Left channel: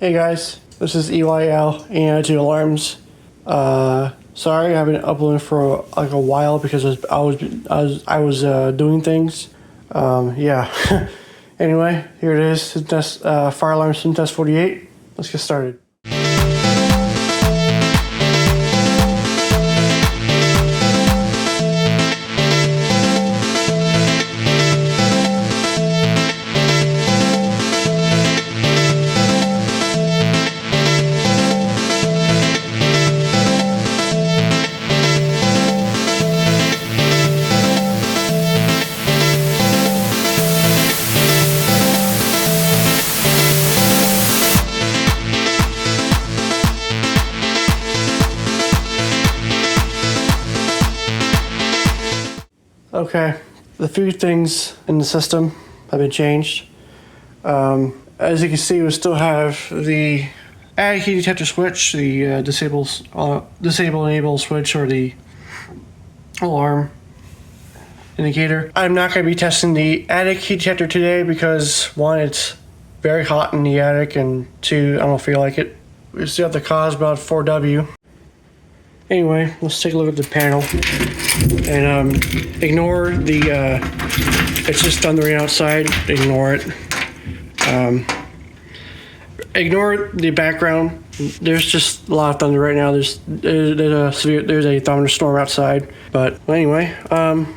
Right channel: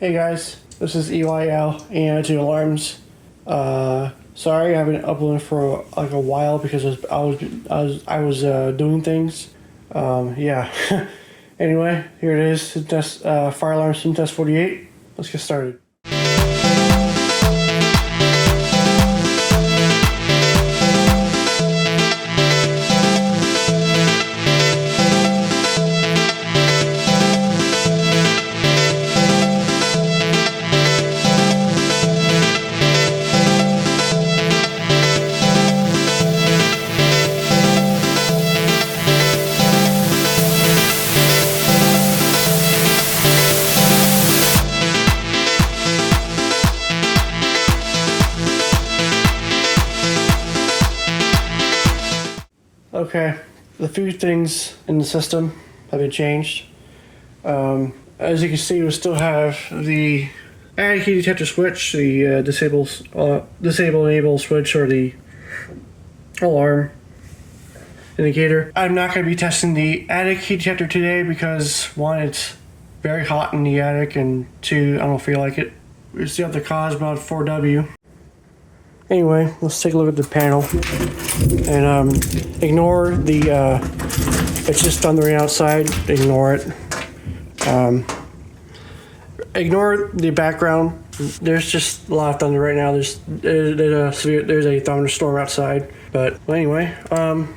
Hey guys, this is EYL and to alarms. Sorry, I haven't uploaded for like a while because I was doing things. Yeah. Anyway, here it is. Test, fire alarm sim test 48. Let's get started. Okay, the few things in the system have been changed. As you can see, we still have the attic heat detector switch, the disable enable switch, or the alarm indicator. I'm not going to be testing the attic heat detector today because one, it's very hot in the attic, and two, I don't feel like it. We still have the cause about 4W. Anyway, let's take a look at the panel and ignore the, it's just thundering outside, ignore it. Ignore the background. There's just a lot of thunder right now. There's a thunderstorm outside. But well, anyway,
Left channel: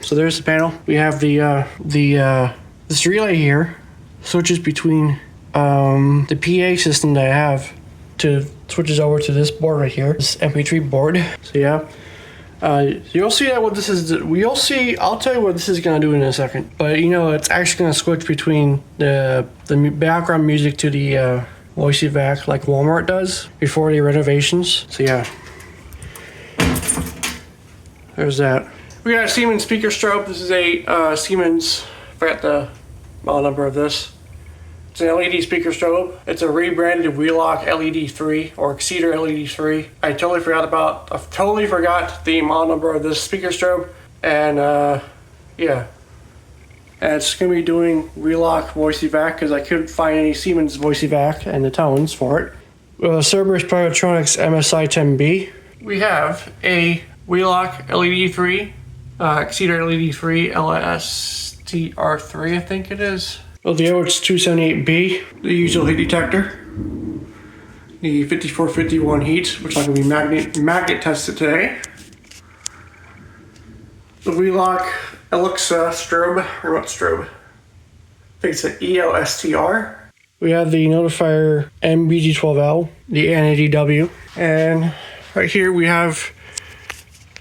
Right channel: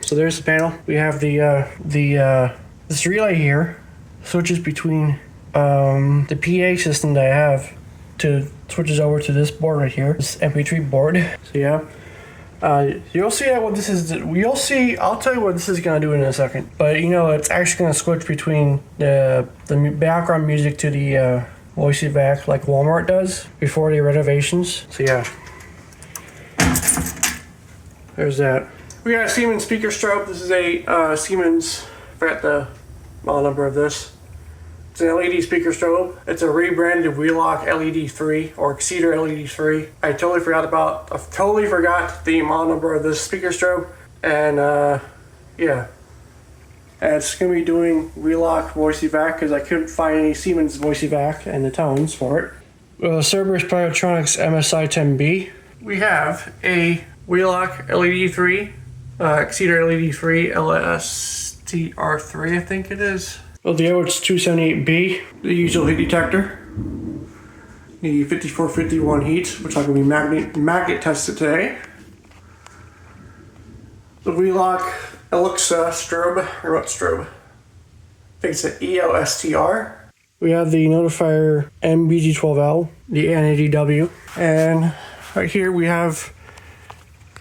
so there's the panel. We have this relay here switches between the PA system that I have to switches over to this board right here, this MP3 board. So yeah, you'll see that what this is. You'll see. I'll tell you what this is gonna do in a second. But you know, it's actually gonna switch between the background music to the voice evac like Walmart does before the renovations. So yeah, there's that. We got a Siemens speaker strobe. This is a Siemens. I forgot the model number of this. It's an LED speaker strobe. It's a rebranded Wheelock LED 3 or Exceeder LED 3. I totally forgot the model number of this speaker strobe, and yeah. And it's going to be doing Wheelock voice evac because I couldn't find any Siemens voice evac and the tones for it. Cerberus Biotronics MSI 10B. We have a Wheelock LED 3, Exceeder LED 3, LSTR3 I think it is. Well, the OH 278B, the usual heat detector. The 5451 heat, which I'm going to be magnet tested today. The Wheelock Alexa strobe, remote strobe. I think it's an EOSTR. We have the notifier MBG12L, the NADW, and right here we have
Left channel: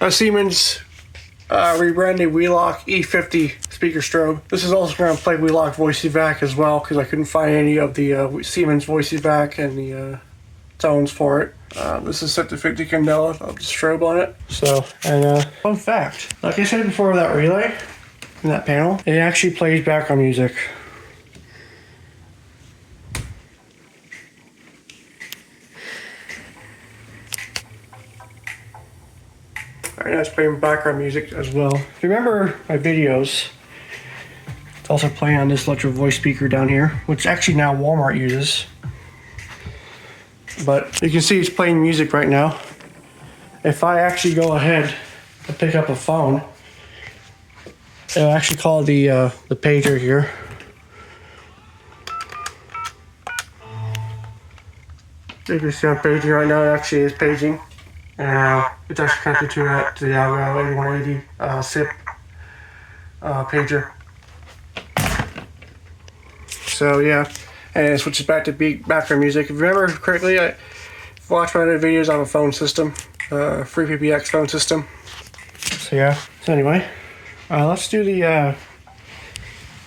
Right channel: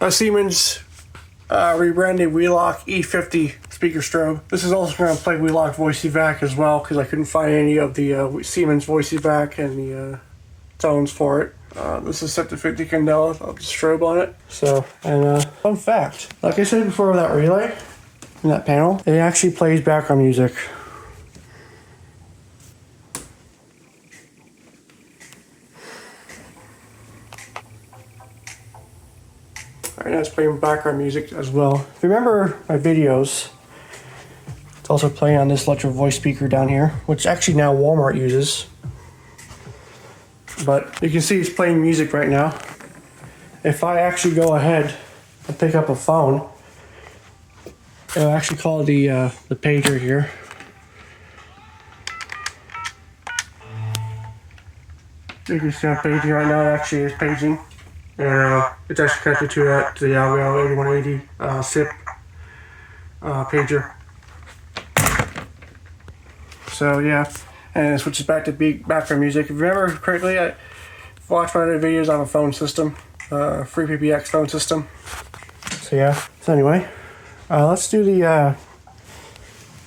a Siemens rebranded Wheelock E50 speaker strobe. This is also going to play Wheelock voice evac as well because I couldn't find any of the Siemens voice evac and the tones for it. This is set to 50 candela of the strobe on it. So, and fun fact, like I said before, that relay in that panel, it actually plays background music. Alright, now it's playing background music as well. If you remember my videos, it's also playing on this electro voice speaker down here, which actually now Walmart uses. But you can see it's playing music right now. If I actually go ahead and pick up a phone, it'll actually call the pager here. You can see I'm paging right now. It actually is paging. And it's actually connected to the Algo 8180 SIP pager. So yeah, and it switches back to background music. If you remember correctly, I watched my other videos on a phone system, free PPX phone system. So yeah. So anyway, let's do the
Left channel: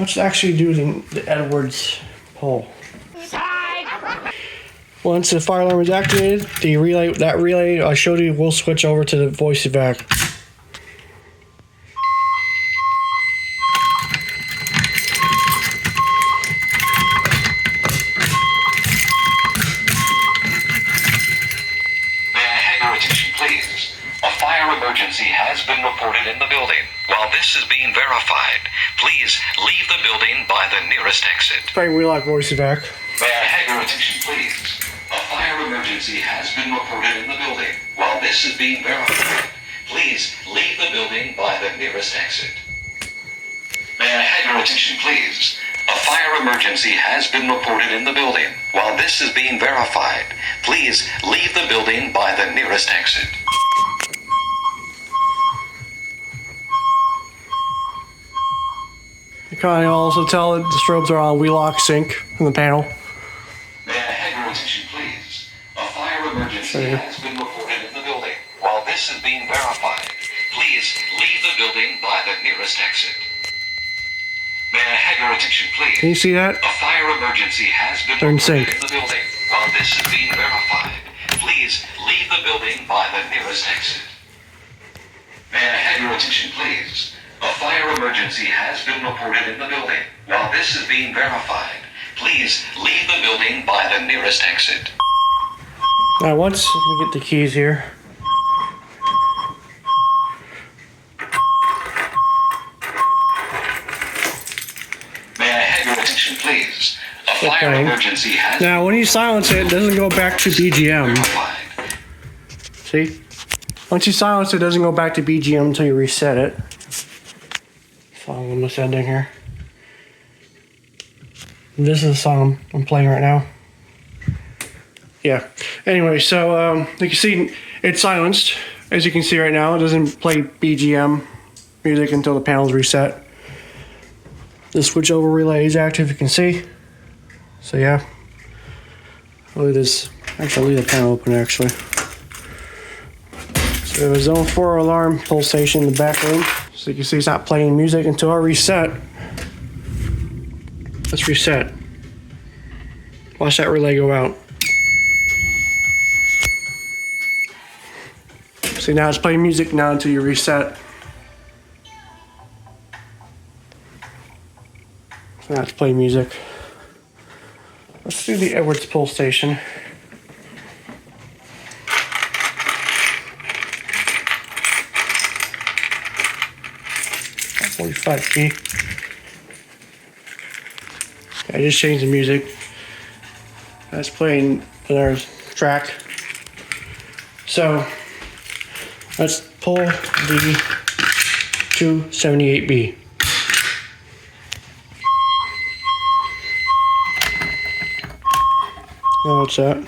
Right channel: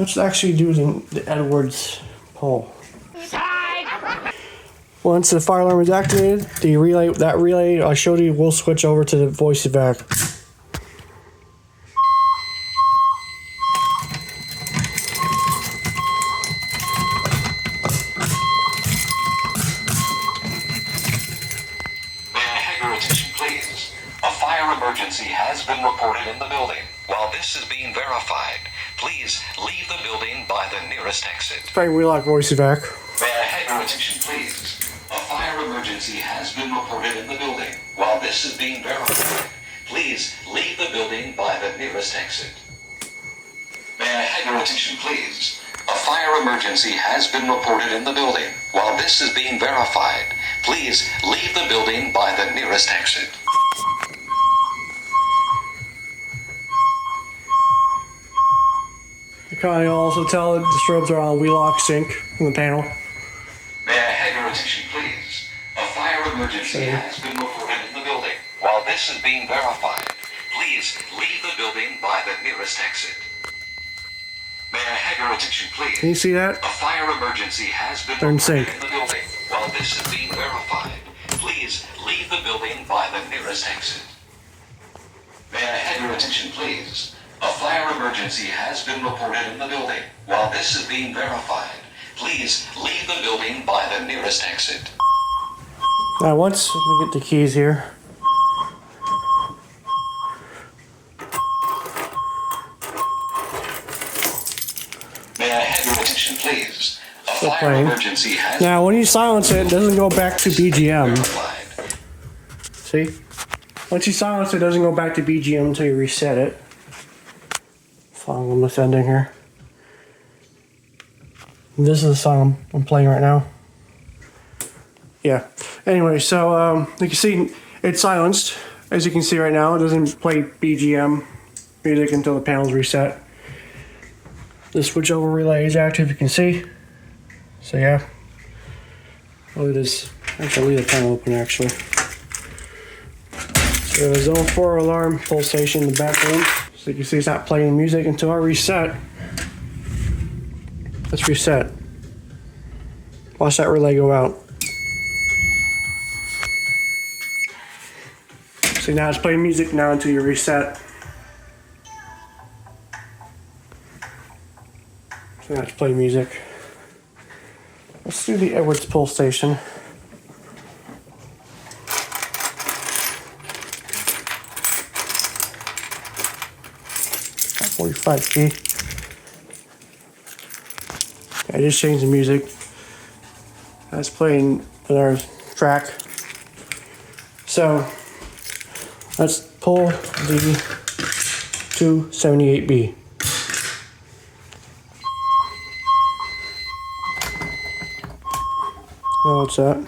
let's actually do the Edwards poll. Once the fire alarm is activated, the relay I showed you will switch over to the voice evac. Please. A fire emergency has been reported in the building. While this is being verified, please leave the building by the nearest exit. Playing Wheelock voice evac. May I have your attention, please? emergency has been reported in the building. While this is being verified, please leave the building by the nearest exit. May I have your attention, please? A fire emergency has been reported in the building. While this is being verified, please leave the building by the nearest exit. You can also tell that the strobes are on wheelock sync from the panel. May I have your attention, please? A fire emergency has been reported in the building. While this is being verified, please leave the building by the nearest exit. May I have your attention, please? Can you see that? A fire emergency has been They're in reported sync. in the building. While this is being verified, please leave the building by the nearest exit. May I have your attention, please? A fire emergency has been reported in the building. While this is being verified, please leave the building by the nearest exit. Now once, let me get the keys here. May I have your attention, please? A Still fire playing. emergency has Now when you silence it, it doesn't go back to BGM. been verified. See? Once you silence it, it doesn't go back to BGM until you reset it. Song almost ending here. This is the song I'm playing right now. Yeah. Anyway, so you can see it's silenced. As you can see right now, it doesn't play BGM music until the panel's reset. The switchover relay is active, you can see. So yeah. I'll leave this. Actually, I'll leave the panel open actually. So we have a zone 4 alarm pull station in the back room. So you can see it's not playing music until I reset. Let's reset. Watch that relay go out. See, now it's playing music now until you reset. So now it's playing music. Let's do the Edwards pull station. At 45p. I just changed the music. That's playing another track. So let's pull the 278B. Oh, what's that?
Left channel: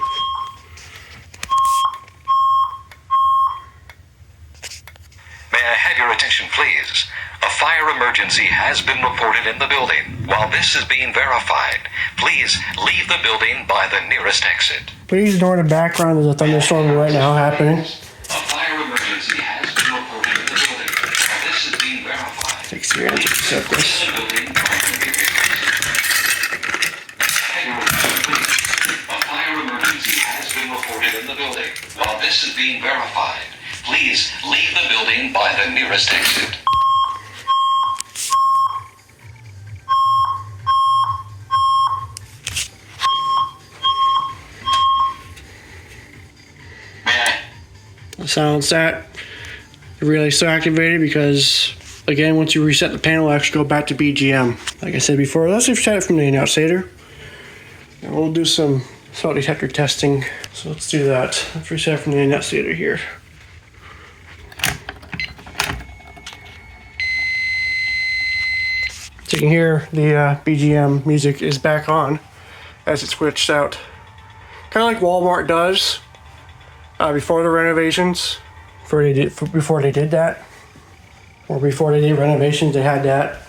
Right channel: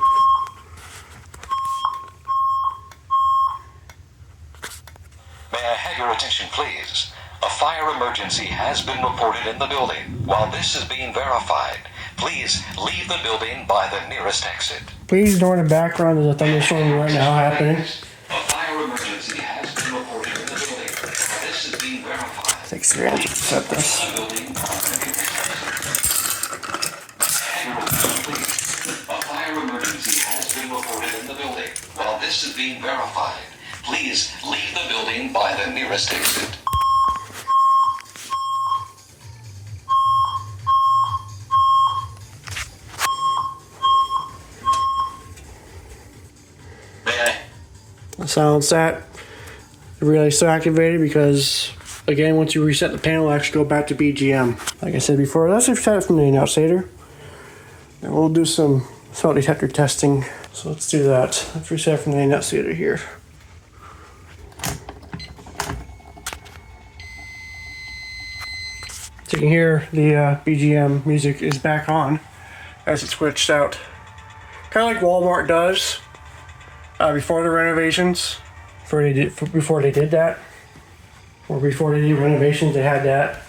May I have your attention, please? A fire emergency has been reported in the building. While this is being verified, please leave the building by the nearest exit. Please ignore the background. There's a thunderstorm right now happening. A fire emergency has been reported in the building. While this is being verified, Takes 3 hours to set this. the building by the nearest exit. A fire emergency has been reported in the building. While this is being verified, please leave the building by the nearest exit. Silence that. The relay's still activated because, again, once you reset the panel, it'll actually go back to BGM. Like I said before, let's reset it from the annunciator. And we'll do some smoke detector testing. So let's do that. Let's reset it from the annunciator here. So you can hear the BGM music is back on as it switched out. Kind of like Walmart does. Before the renovations, before they did that, or before they did renovations, they had that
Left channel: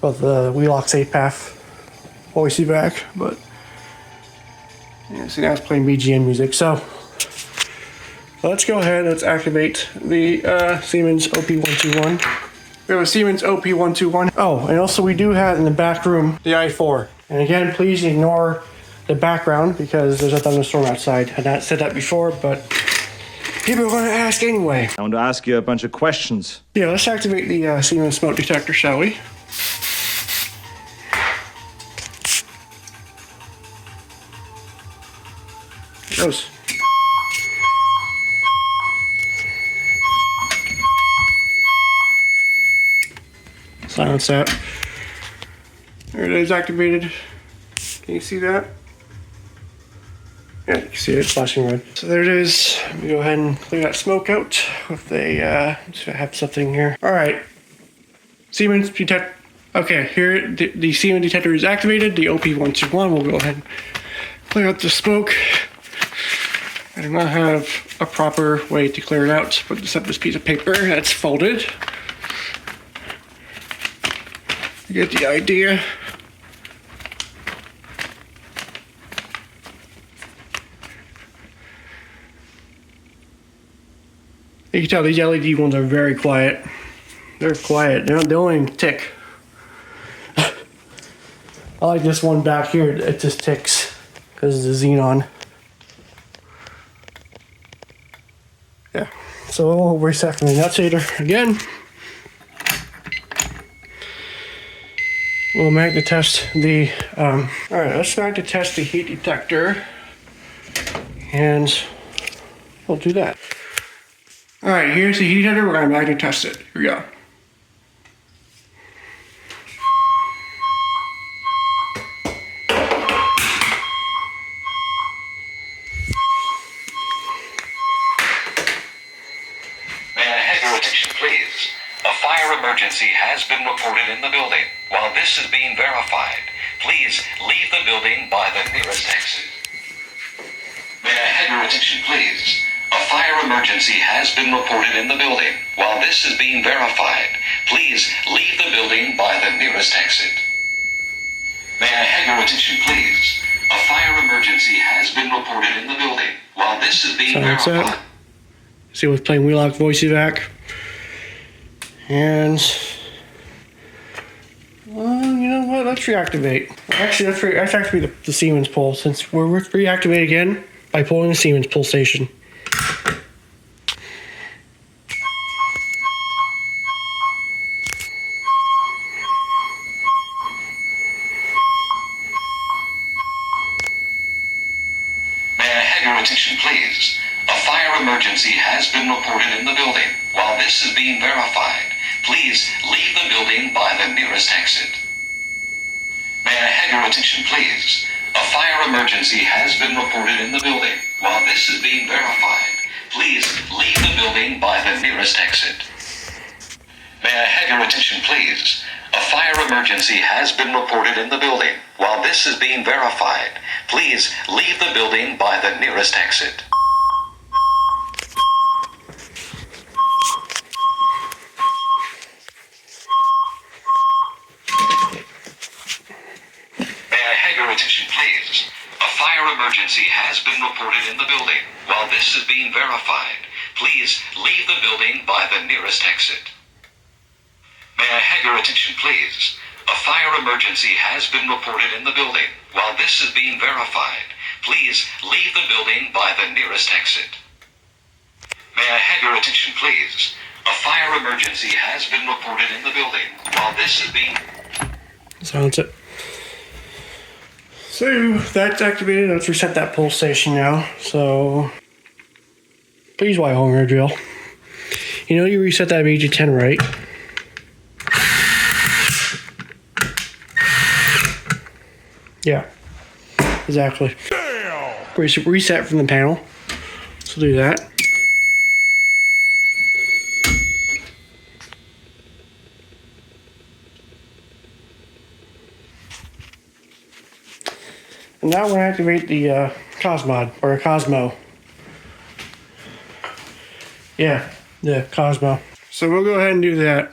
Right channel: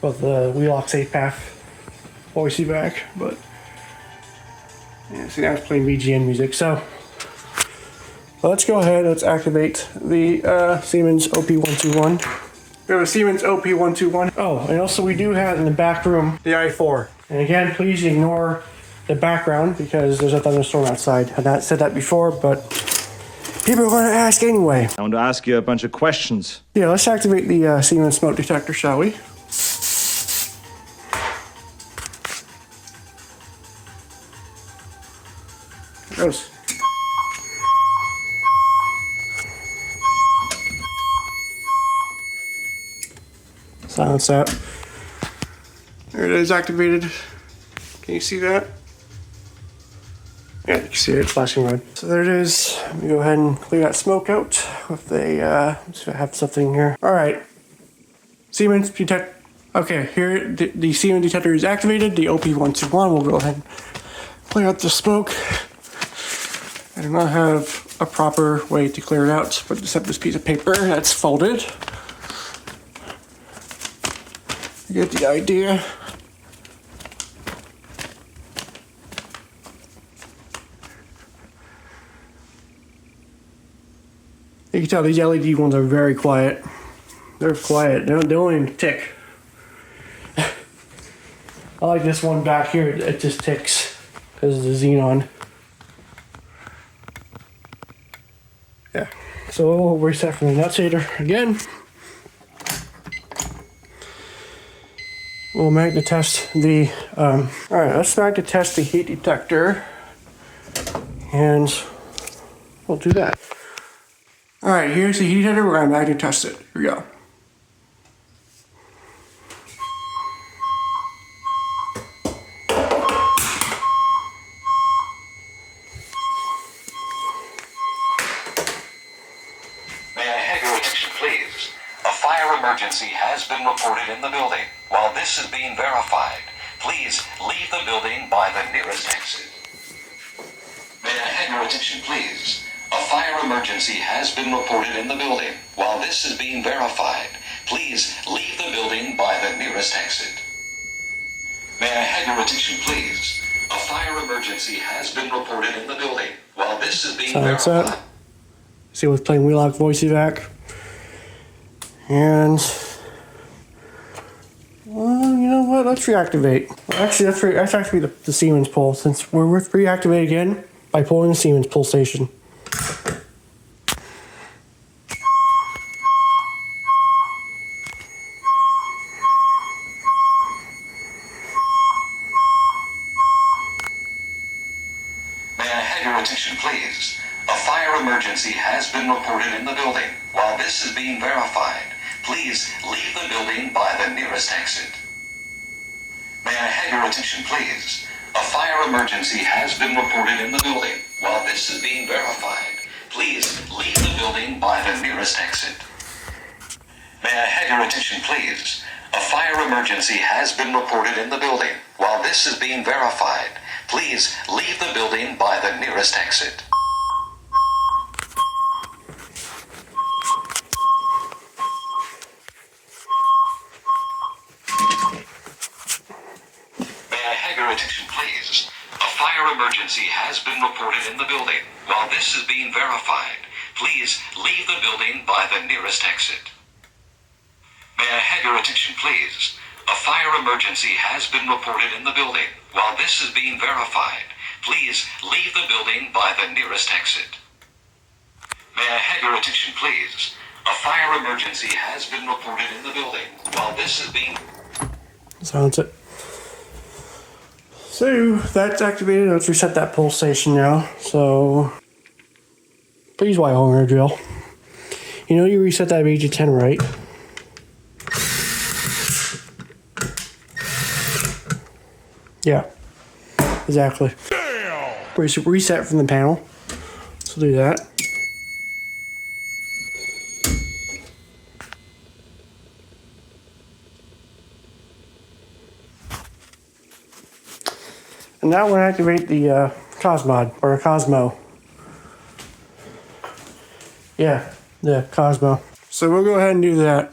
with the wheelock safe path always see back. But yeah, see now it's playing BGM music. So let's go ahead. Let's activate the Siemens OP121. We have a Siemens OP121. Oh, and also we do have in the back room the i4. And again, please ignore the background because there's a thunderstorm outside. I had not said that before, but people are going to ask anyway. I want to ask you a bunch of questions. Yeah, let's activate the Siemens smoke detector, shall we? It goes. Silence that. There it is, activated. Can you see that? Yeah, you can see it flashing red. So there it is. Let me go ahead and clear that smoke out with a, see if I have something here. All right. Siemens detect. Okay, here the Siemens detector is activated. The OP121 will go ahead and clear out the smoke. I do not have a proper way to clear it out, but except this piece of paper that's folded. You get the idea. You can tell these LED ones are very quiet. They're quiet. They don't even tick. I like this one back here. It just ticks because of the xenon. Yeah. So we'll reset from the nutshader again. We'll magnet test the. All right. Let's magnet test the heat detector, and we'll do that. All right. Here's the heat detector. We're gonna magnet test it. Here we go. Emergency has been reported in the building. While this is being verified, please leave the building by the nearest exit. May I have your attention, please? A fire emergency has been reported in the building. While this is being verified, please leave the building by the nearest exit. May I have your attention, please? A fire emergency has been reported in the building. While this is being verified. See what's playing Wheelock voice evac. And, well, you know what? Let's reactivate. Actually, let's activate the Siemens pull, since we're reactivate again by pulling the Siemens pull station. May I have your attention, please? A fire emergency has been reported in the building. While this is being verified, please leave the building by the nearest exit. May I have your attention, please? A fire emergency has been reported in the building. While this is being verified, please leave the building by the nearest exit. May I have your attention, please? A fire emergency has been reported in the building. While this is being verified, please leave the building by the nearest exit. Attention, please. A fire emergency has been reported in the building. While this is being verified, please leave the building by the nearest exit. May I have your attention, please? A fire emergency has been reported in the building. While this is being verified, please leave the building by the nearest exit. May I have your attention, please? A fire emergency has been reported in the building. While this is being... Silence it. So that's activated. Let's reset that pull station now. So please wire home drill. You know you reset that BG10, right? Yeah, exactly. Reset from the panel. So do that. And now we're going to activate the Cosmod, or Cosmo. Yeah, the Cosmo. So we'll go ahead and do that.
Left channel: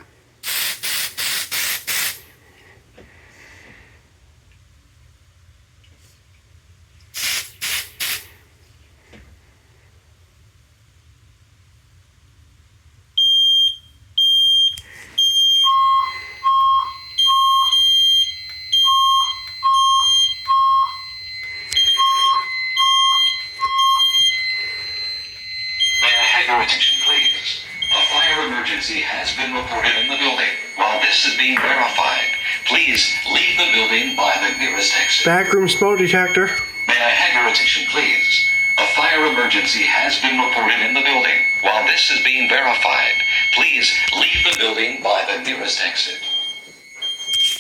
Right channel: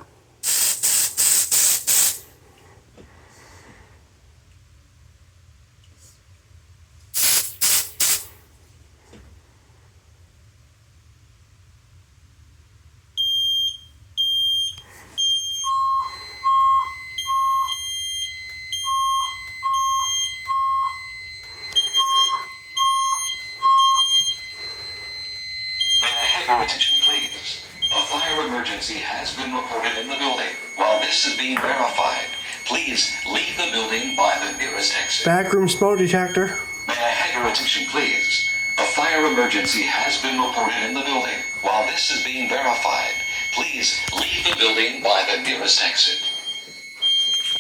Attention, please. A fire emergency has been reported in the building. While this is being verified, please leave the building by the nearest exit. Backroom smoke detector. May I have your attention, please? A fire emergency has been reported in the building. While this is being verified, please leave the building by the nearest exit.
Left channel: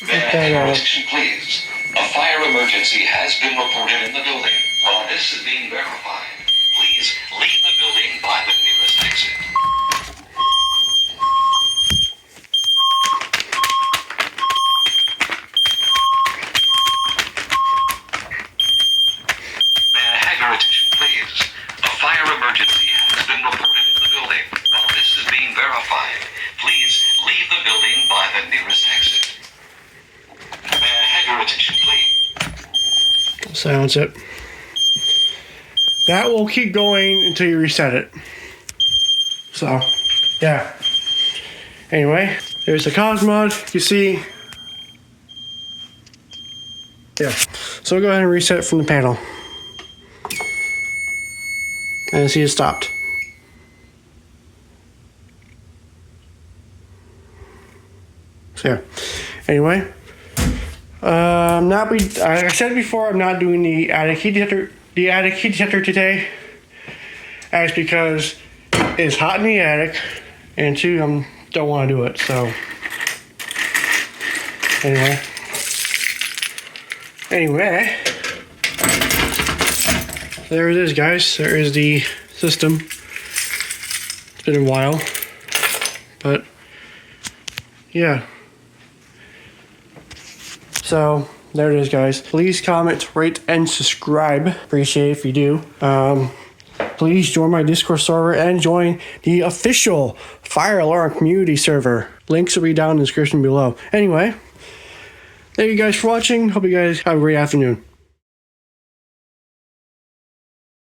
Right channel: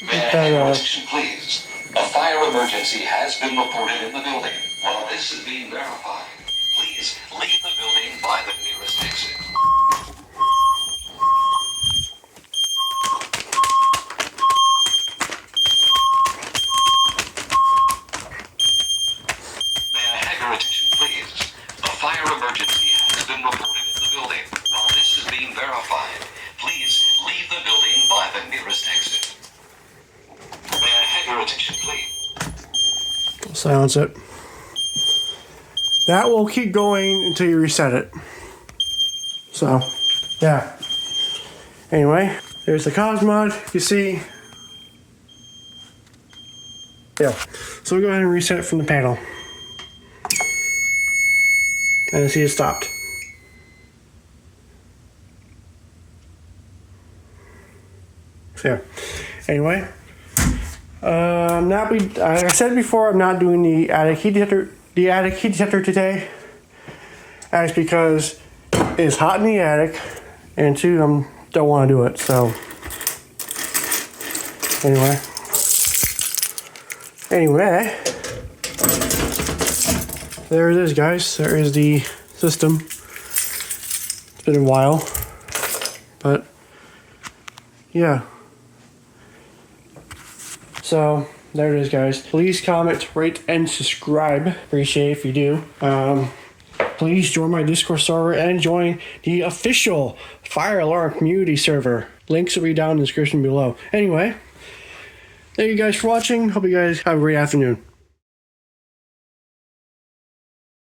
May I have your attention, please? A fire emergency has been reported in the building. While this is being verified, please leave the building by the nearest exit. May I have your attention, please? A fire emergency has been reported in the building. While this is being verified, please leave the building by the nearest exit. May I have your attention, please? Silence it. That will keep going until you reset it. So, yeah. Anyway, there's the cause mod. You see. Yeah. So we'll go ahead and reset from the panel. And see it stopped. So yeah. Anyway. Like I said before, I'm not doing the attic heat detector today. That's because it's hot in the attic, and two, I don't want to do it. So anyway, there it is, guys. There is the system. It's been a while, but yeah. So there it is, guys. Please comment, rate, and subscribe. Appreciate it if you do. Please join my Discord server and join the official Fire Alarm community server. Links will be down in the description below. Anyway, thank you guys for watching. Hope you guys have a great afternoon.